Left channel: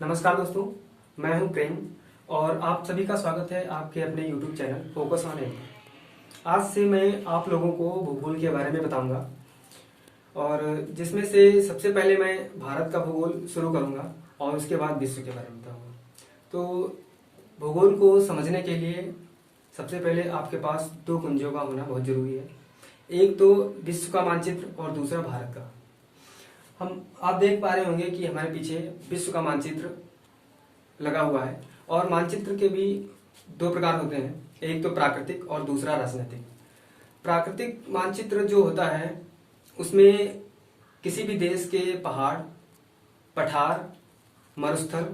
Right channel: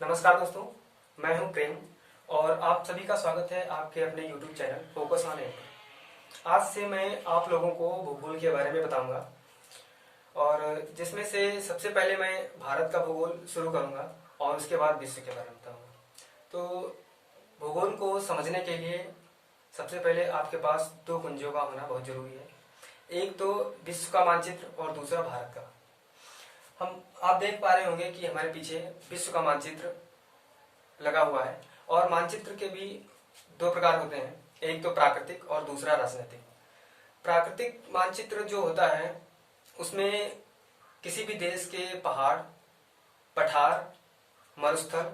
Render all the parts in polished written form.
नमस्कार दोस्तों, मैं हूं प्रेम और आप सभी का स्वागत है आपके अपने YouTube चैनल फोकस ऑन एम पर। आज से मैं आप लोगों को भूगोल के बारे में बताऊंगा और जिसमें से सबसे पहले मैं भारत का भूगोल शुरू करूंगा और उसके बाद विश्व के बारे में बताऊंगा। तो भूगोल को समझने के लिए सबसे पहले आपके पास दो कुंजों का होना बहुत जरूरी है। एक तो विश्व का मानचित्र और दूसरा भारत का। आप देख पा रहे होंगे कि हमारे पीछे विश्व का मानचित्र लगा हुआ है और मानचित्र के भी दो प्रकार होते हैं, एक तो प्राकृतिक और दूसरा राजनीतिक। प्राकृतिक मानचित्र जो होता है उसमें किसी भी देश के पहाड़, पठार, मरुस्थल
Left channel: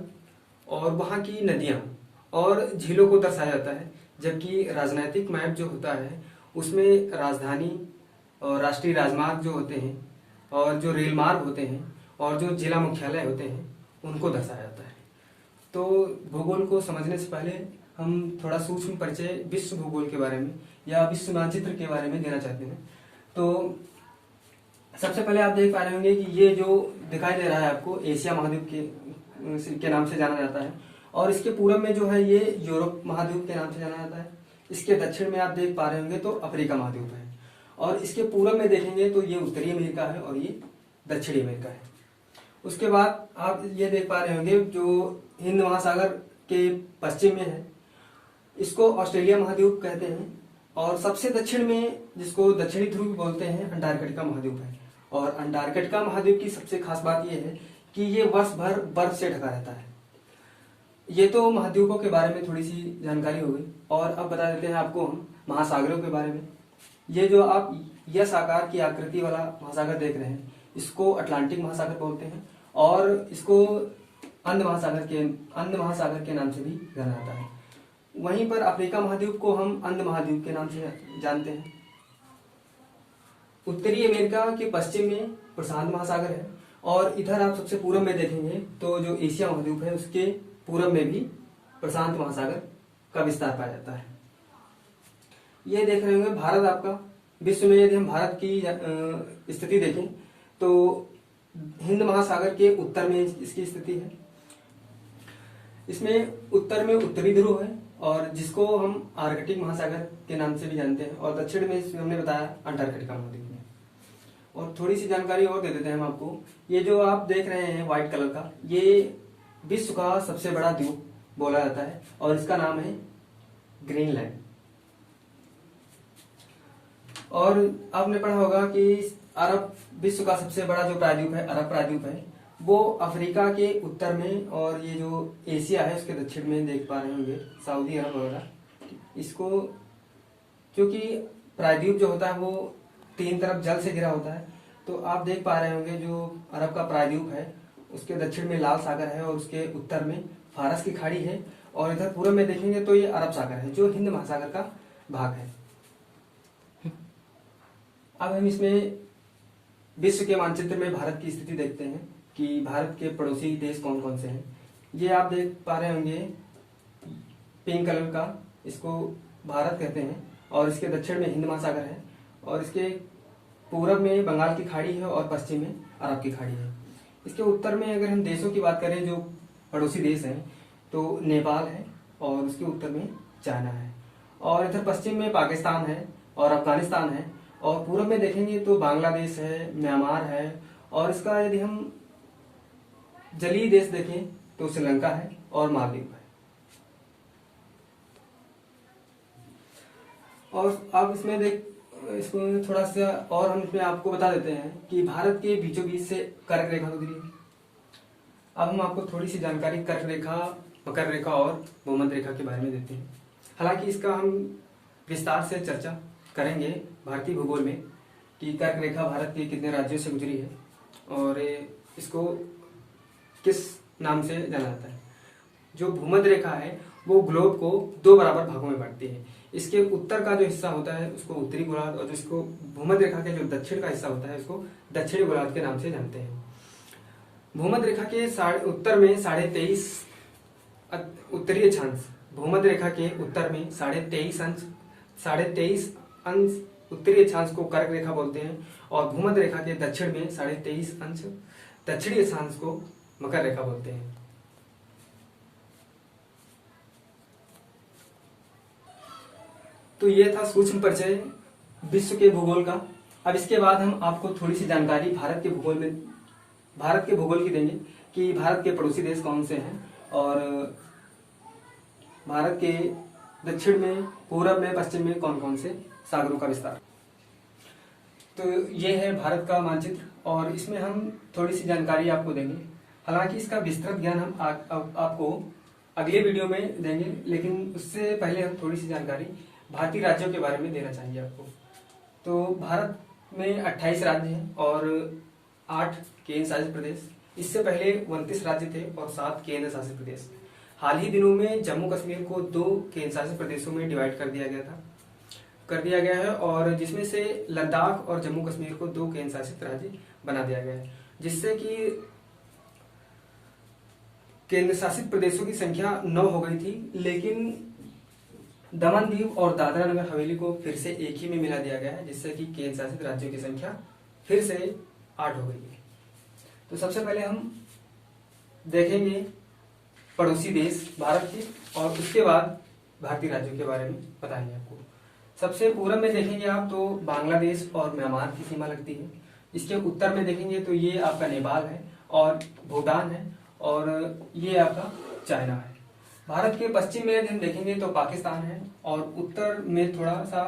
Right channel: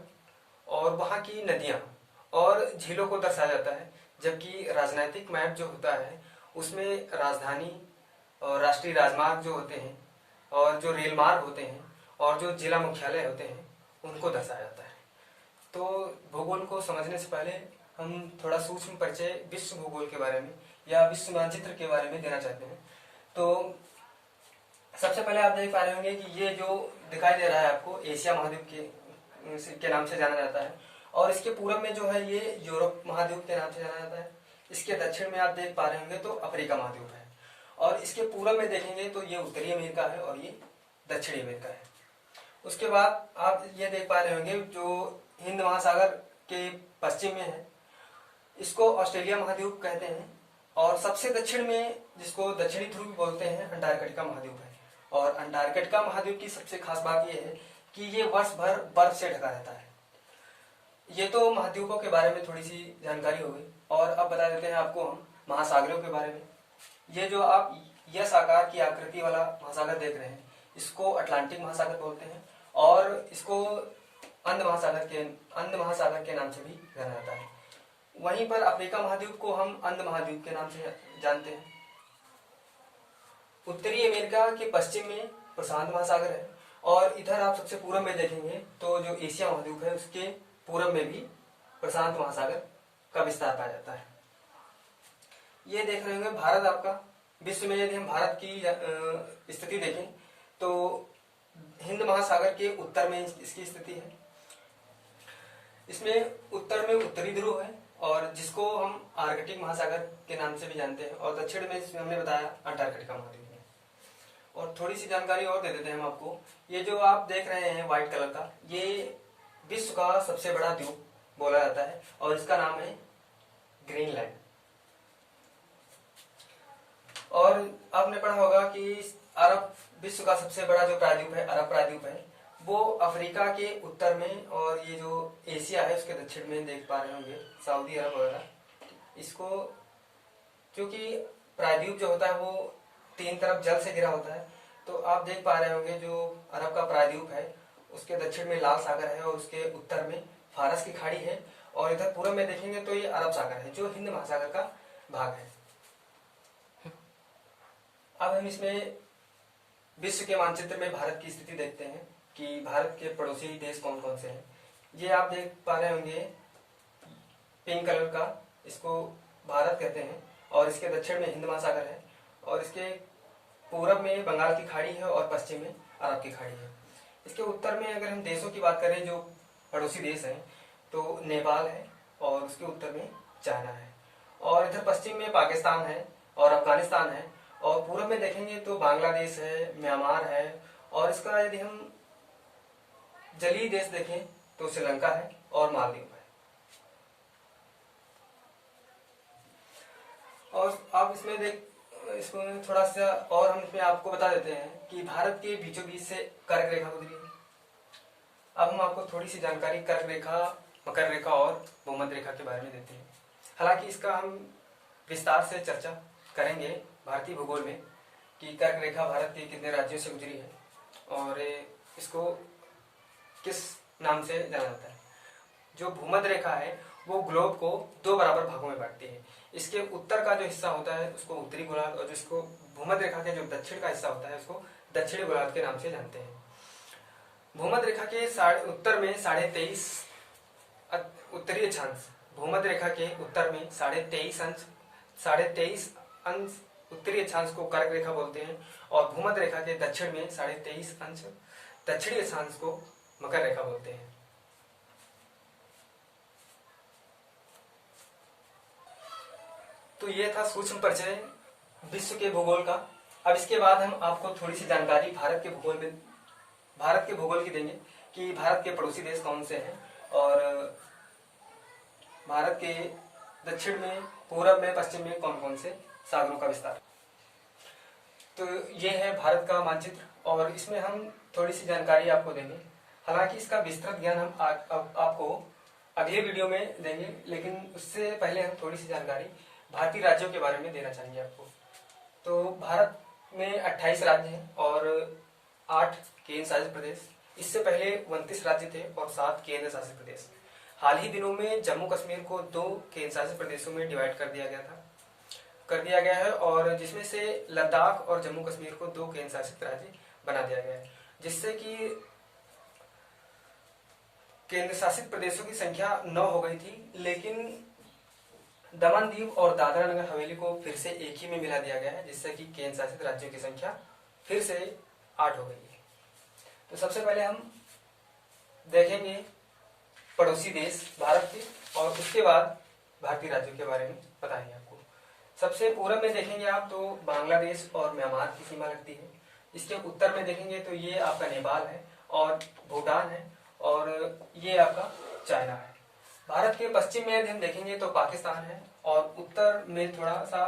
और वहाँ की नदियाँ और झीलों को दर्शाया जाता है। जबकि राजनीतिक मैप जो होता है उसमें राजधानी और राष्ट्रीय राजमार्ग जो होते हैं और जो रेल मार्ग होते हैं और जो जिला मुख्यालय होते हैं उनको दर्शाया जाता है। तो भूगोल को समझने से पहले हम थोड़ा सूक्ष्म परिचय विश्व भूगोल के बारे में या विश्व मानचित्र के बारे में देना चाहते हैं। तो सबसे पहले आप देख पा रहे होंगे कि ये जो दिखाई दे रहा है आपको एशिया महाद्वीप के नाम से जाना जाता है और इसके पूरब में जो है ये यूरोप महाद्वीप के नाम से जाना जाता है। इसके दक्षिण में आप देख पा रहे होंगे तो अफ्रीका महाद्वीप है और इसके पूरब में देखेंगे तो ये उत्तरी अमेरिका है और ये दक्षिणी अमेरिका है। उसके बाद आप ये देख पा रहे होंगे जो हिंद महासागर के पश्चिम में है इसको ऑस्ट्रेलिया महाद्वीप कहते हैं और सबसे दक्षिण में जिसको दक्षिणी ध्रुव बोलते हैं अंटार्कटिका महाद्वीप है। और अंटार्कटिका महाद्वीप की सबसे खास बात यह है कि ये वर्ष भर बर्फ से ढका रहता है। ये तो महाद्वीपों के बारे में थोड़ी सी जानकारी हो गई और अब बता देते हैं आपको हम महासागरों के बारे में। ये जो आप यस आकार की आकृति वाला महासागर देख रहे हैं इसको अटलांटिक महासागर बोलते हैं और इसको अंध महासागर के नाम से भी जाना जाता है। वहीं पर अफ्रीका महाद्वीप को हम अंध महाद्वीप के नाम से जानते हैं। उत्तरी अमेरिका के पश्चिम में प्रशांत महासागर है और इधर आप सबसे पूर्व में देखेंगे तो जो एशिया महाद्वीप है उसके पूर्व में भी प्रशांत महासागर का विस्तार पाया जाता है। ये देख रहे होंगे भारत आपका। विश्व में यदि हम भारत की स्थिति देखें तो हिंद महासागर के उत्तर में इसकी स्थिति है। इसमें उत्तर में उत्तरी ध्रुव है और जिसको हम आर्कटिक महासागर के नाम से भी जानते हैं और दक्षिण में हमने बताया अंटार्कटिका महाद्वीप में। और थोड़ी सी जानकारी और दे देते हैं हम आपको। ये जो आप देख रहे हैं व्हाइट कलर का ये विश्व का सबसे बड़ा द्वीप बोला जाता है और इसका नाम है ग्रीनलैंड। और आपने पढ़ा होगा कि अरब विश्व का सबसे बड़ा जो प्रायद्वीप है अरब प्रायद्वीप है वो अफ्रीका के उत्तर में और ये जो एशिया है उसके दक्षिण में देख पा रहे होंगे सऊदी अरब वगैरह। इसको क्योंकि प्रायद्वीप जो होता है वो तीन तरफ जल से घिरा होता है तो आप देख पा रहे होंगे जो अरब का प्रायद्वीप है उसके दक्षिण में लाल सागर है और उसके उत्तर में फारस की खाड़ी है और इधर पूर्व में देखेंगे तो ये अरब सागर है जो हिंद महासागर का भाग है। अब हम इसमें विश्व के मानचित्र में भारत की स्थिति देखते हैं कि भारत के पड़ोसी देश कौन कौन से हैं। ये आप देख पा रहे होंगे पिंक कलर का, इसको भारत कहते हैं और इसके दक्षिण में हिंद महासागर है और इसके पूरब में बंगाल की खाड़ी है और पश्चिम में अरब की खाड़ी है। इसके उत्तर में अगर हम देशों की बात करें जो पड़ोसी देश हैं तो नेपाल है और उसके उत्तर में चाइना है और इधर पश्चिम में पाकिस्तान है और अफगानिस्तान है और पूर्व में देखेंगे तो बांग्लादेश है, म्यांमार है और इसका यदि हम जलीय देश देखें तो श्रीलंका है और मालदीव है। और आप इसको थोड़ा सा और हम इसमें आपको बता देते हैं कि भारत के बीचों बीच से कर्क रेखा गुजरी है। अब हम आपको थोड़ी सी जानकारी कर्क रेखा, मकर रेखा और भूमध्य रेखा के बारे में देते हैं। हालांकि इसका हम विस्तार से चर्चा करेंगे भारतीय भूगोल में कि कर्क रेखा भारत के कितने राज्यों से गुजरी है और इसको किस नाम से जाना जाता है। जो भूमध्य रेखा है वो ग्लोब को दो बराबर भागों में बांटती है। इसके उत्तर का जो हिस्सा होता है उसको उत्तरी गोलार्ध और जिसको भूमध्य रेखा के जो दक्षिण का हिस्सा होता है उसको दक्षिणी गोलार्ध के नाम से जानते हैं। भूमध्य रेखा के उत्तर में 23.5 उत्तरीय अक्षांश, भूमध्य रेखा के उत्तर में 23.5 अंश उत्तरी अक्षांश को कर्क रेखा बोलते हैं और भूमध्य रेखा के दक्षिण में 23.5 अंश दक्षिणी अक्षांश को मकर रेखा बोलते हैं। तो ये था सूक्ष्म परिचय विश्व के भूगोल का। अब इसके बाद हम आपको थोड़ी सी जानकारी भारत के भूगोल की देंगे कि भारत के पड़ोसी देश कौन से हैं और भारत के दक्षिण में, पूरब में, पश्चिम में कौन कौन से सागरों का विस्तार। तो ये है भारत का मानचित्र और इसमें हम थोड़ी सी जानकारी आपको देंगे। हालांकि इसका विस्तृत ज्ञान हम आपको अगले वीडियो में देंगे, लेकिन उससे पहले हम थोड़ी सी जानकारी भारतीय राज्यों के बारे में देना चाहेंगे आपको। तो भारत में 28 राज्य हैं और 8 केंद्र शासित प्रदेश। इससे पहले 29 राज्य थे और 7 केंद्र शासित प्रदेश। हाल ही दिनों में जम्मू कश्मीर को 2 केंद्र शासित प्रदेशों में डिवाइड कर दिया गया है और जिसमें से लद्दाख और जम्मू कश्मीर को 2 केंद्र शासित राज्य बना दिया गया है, जिससे कि केंद्र शासित प्रदेशों की संख्या 9 हो गई थी, लेकिन दमन दीव और दादरा नगर हवेली को फिर से एक ही में मिला दिया गया है, जिससे कि केंद्र शासित राज्यों की संख्या फिर से 8 हो गई है। तो सबसे पहले हम देखेंगे पड़ोसी देश भारत के और उसके बाद भारतीय राज्यों के बारे में बताएंगे आपको। सबसे पूर्व में देखेंगे आप तो बांग्लादेश और म्यांमार की सीमा लगती है। इसके उत्तर में देखेंगे तो ये आपका नेपाल है और भूटान है और ये आपका चाइना है। भारत के पश्चिम में यदि हम देखेंगे तो पाकिस्तान है और उत्तर में थोड़ा सा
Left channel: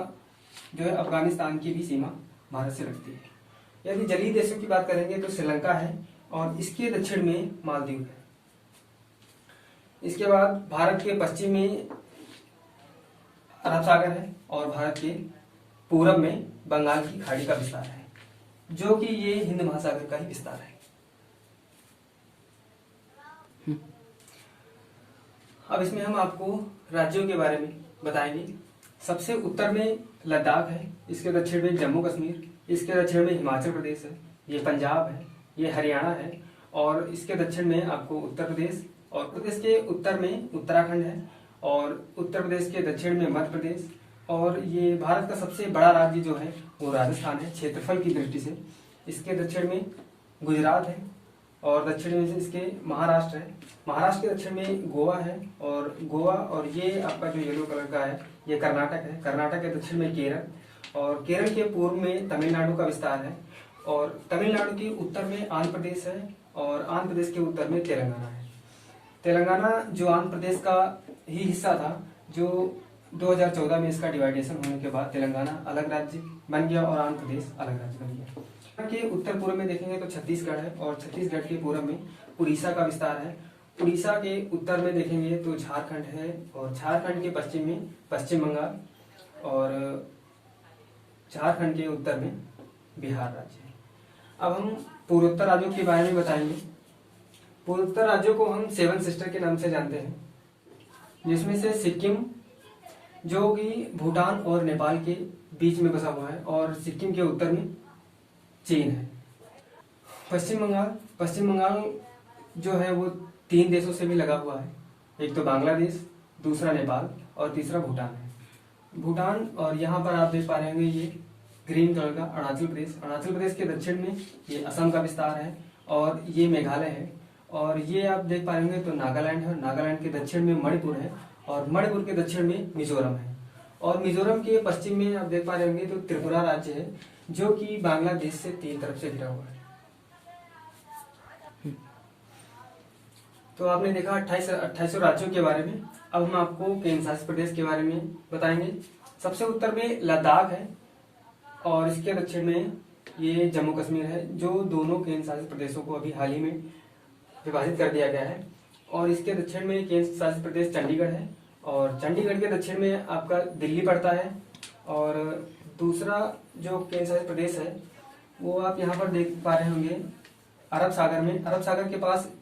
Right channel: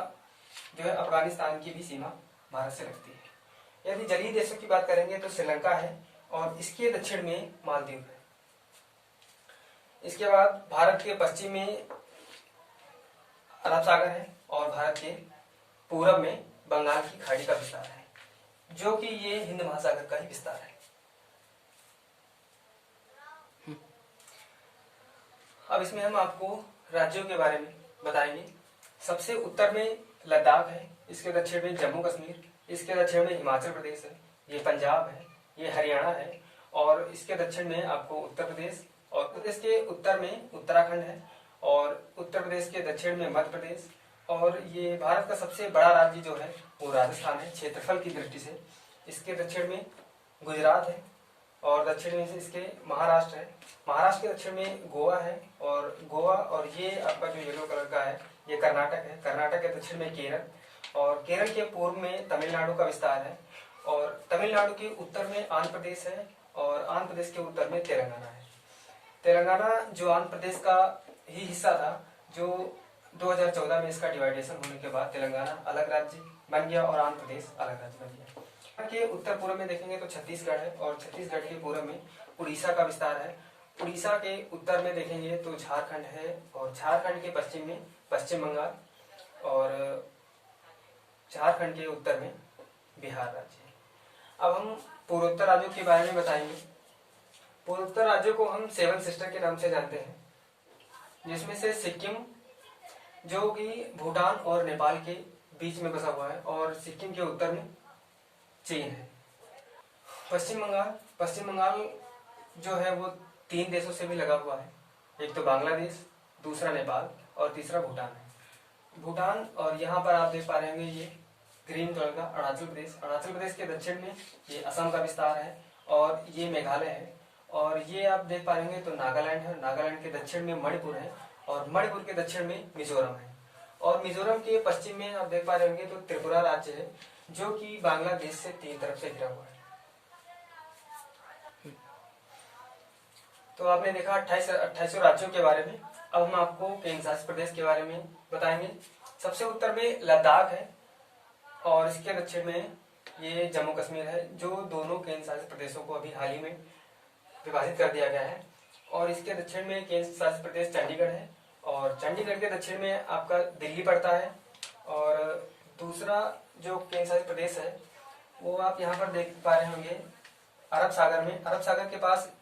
जो है अफगानिस्तान की भी सीमा भारत से लगती है। यदि जलीय देशों की बात करेंगे तो श्रीलंका है और इसके दक्षिण में मालदीव है। इसके बाद भारत के पश्चिम में अरब सागर है और भारत के पूरब में बंगाल की खाड़ी का विस्तार है, जो कि ये हिंद महासागर का ही विस्तार है। अब इसमें हम आपको राज्यों के बारे में बताएंगे। सबसे उत्तर में लद्दाख है, इसके दक्षिण में जम्मू कश्मीर, इसके दक्षिण में हिमाचल प्रदेश है, ये पंजाब है, ये हरियाणा है और इसके दक्षिण में आपको उत्तर प्रदेश, और प्रदेश के उत्तर में उत्तराखंड है और उत्तर प्रदेश के दक्षिण में मध्य प्रदेश, और ये भारत का सबसे बड़ा राज्य जो है वो राजस्थान है क्षेत्रफल की दृष्टि से। इसके दक्षिण में गुजरात है और दक्षिण में से इसके महाराष्ट्र है। महाराष्ट्र के दक्षिण में गोवा है और ये आपका जो येलो कलर का है ये कर्नाटक है। कर्नाटक के दक्षिण में केरल और केरल के पूर्व में तमिलनाडु का विस्तार है और तमिलनाडु के उत्तर में आंध्र प्रदेश है और आंध्र प्रदेश के उत्तर में तेलंगाना है। तेलंगाना जो आंध्र प्रदेश का ही हिस्सा था, जो 2014 में इसका डिवाइडेशन होने के बाद तेलंगाना अलग राज्य बन गया और आंध्र प्रदेश अलग राज्य बन गया। के उत्तर पूर्व में देखेंगे तो छत्तीसगढ़ है और छत्तीसगढ़ के पूर्व में उड़ीसा का विस्तार है। उड़ीसा के उत्तर में देखेंगे तो झारखंड है और झारखंड के पश्चिम में पश्चिम बंगाल और झारखंड के उत्तर में बिहार राज्य है। अब हम पूर्वोत्तर राज्यों के बारे में बताएंगे। पूर्वोत्तर राज्यों को हम 7 सिस्टर के नाम से जानते हैं, जिसमें से सिक्किम जो कि भूटान और नेपाल के बीच में बसा हुआ है और सिक्किम के उत्तर में चीन है। पश्चिम बंगाल जो है वो 3 देशों से भी लगा हुआ है, एक तो बांग्लादेश, दूसरा नेपाल और तीसरा भूटान है। भूटान और यहाँ पर आप देख पा रहे होंगे ये ग्रीन कलर का अरुणाचल प्रदेश के दक्षिण में ये असम का विस्तार है और ये मेघालय है और ये आप देख पा रहे होंगे तो नागालैंड है। नागालैंड के दक्षिण में मणिपुर है और मणिपुर के दक्षिण में मिजोरम है और मिजोरम के पश्चिम में आप देख पा रहे होंगे तो त्रिपुरा राज्य है, जो कि बांग्लादेश से 3 तरफ से घिरा हुआ है। तो आपने देखा 28 राज्यों के बारे में। अब हम आपको केंद्र शासित प्रदेश के बारे में बताएंगे। सबसे उत्तर में लद्दाख है और इसके दक्षिण में ये जम्मू कश्मीर है, जो दोनों केंद्र शासित प्रदेशों को अभी हाल ही में विभाजित कर दिया गया है। और इसके दक्षिण में केंद्र शासित प्रदेश चंडीगढ़ है और चंडीगढ़ के दक्षिण में आपका दिल्ली पड़ता है। और दूसरा जो केंद्र शासित प्रदेश है वो आप यहाँ पर देख पा रहे होंगे अरब सागर के पास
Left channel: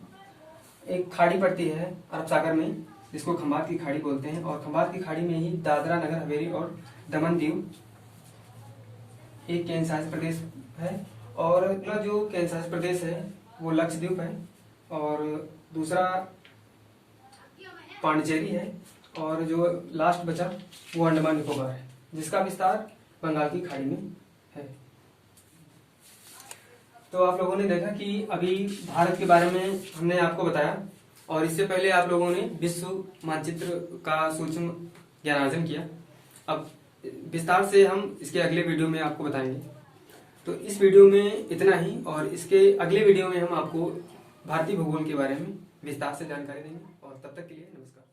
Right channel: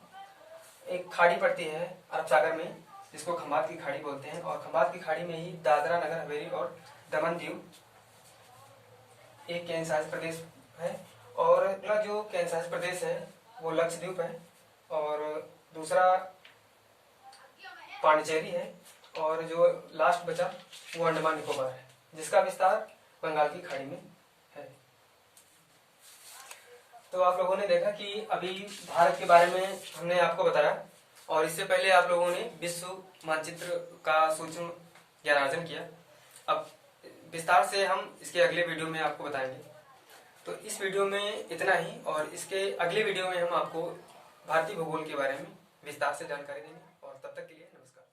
एक खाड़ी पड़ती है अरब सागर में, जिसको खंबात की खाड़ी बोलते हैं और खंबात की खाड़ी में ही दादरा नगर हवेली और दमन दीव एक केंद्र शासित प्रदेश है। और अगला जो केंद्र शासित प्रदेश है वो लक्षद्वीप है और दूसरा पांडिचेरी है और जो लास्ट बचा वो अंडमान निकोबार है, जिसका विस्तार बंगाल की खाड़ी में है। तो आप लोगों ने देखा कि अभी भारत के बारे में हमने आपको बताया और इससे पहले आप लोगों ने विश्व मानचित्र का सूक्ष्म ज्ञानार्जन किया। अब विस्तार से हम इसके अगले वीडियो में आपको बताएंगे। तो इस वीडियो में इतना ही, और इसके अगले वीडियो में हम आपको भारतीय भूगोल के बारे में विस्तार से जानकारी देंगे। और तब तक के लिए नमस्कार।